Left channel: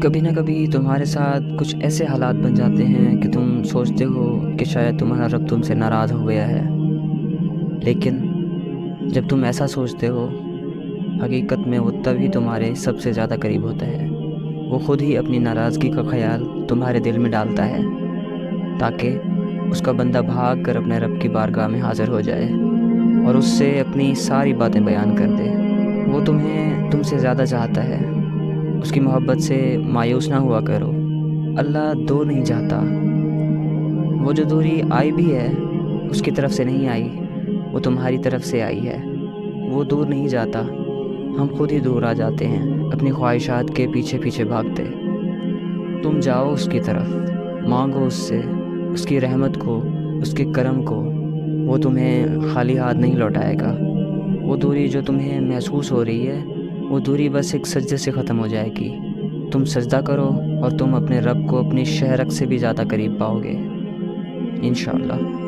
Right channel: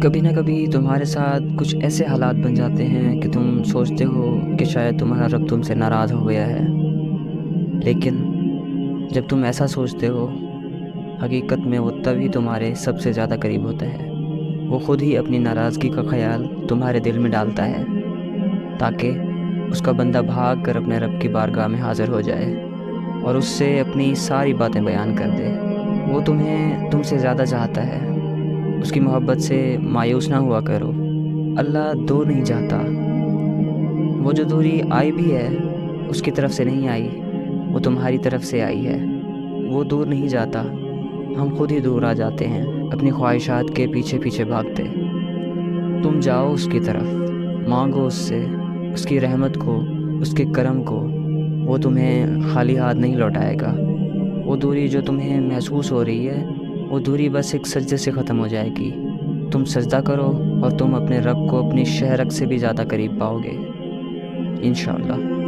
کبھی نہ کبھی تمہارے ساتھ کچھ ایسے حالات بن جاتے ہیں کہ تم سوچتے ہو کہ شاید تمہارا رب تم سے ناراض ہو گیا ہے، لیکن جب تم ایسا سوچتے ہو، حقیقت میں وہ تبھی تمہارے سب سے زیادہ قریب ہوتا ہے۔ وہ خود ہی اپنی ناراضگی کا خیال تمہارے دل میں ڈالتا ہے تاکہ اس کا بندہ بھاگ کر اپنے رب کی بارگاہ میں حاضر ہو جائے اور اس سے اپنی ساری باتیں بیان کر دے۔ وہ تمہیں تم سے زیادہ چاہتا ہے، اس کی محبت سے مایوس نہ ہوا کرو۔ اللہ دور نہیں جاتا، وہ جو دوری آئی بھی ہے اس کی طرف سے نہیں آئی، وہ تمہاری طرف سے آئی ہے۔ وہ دور نہیں جاتا، ہم خود ہی دور آ جاتے ہیں اپنی خواہشات کے پیچھے پیچھے بھاگتے۔ تم جاؤ اس کی طرف، مانگو اس سے، اس کی رحمت کو، اس کے کرم کو۔ وہ تمہیں خالی ہاتھ نہیں لوٹائے گا۔ وہ دوری جو تمہیں محسوس ہو رہی ہے، وہ دوری بس ایک سجدے سے ختم ہو جائے گی۔ تم سجدہ کرو اور تم اپنے رب کو اپنی شہرک سے بھی زیادہ قریب پاؤ گے، انشاءاللہ۔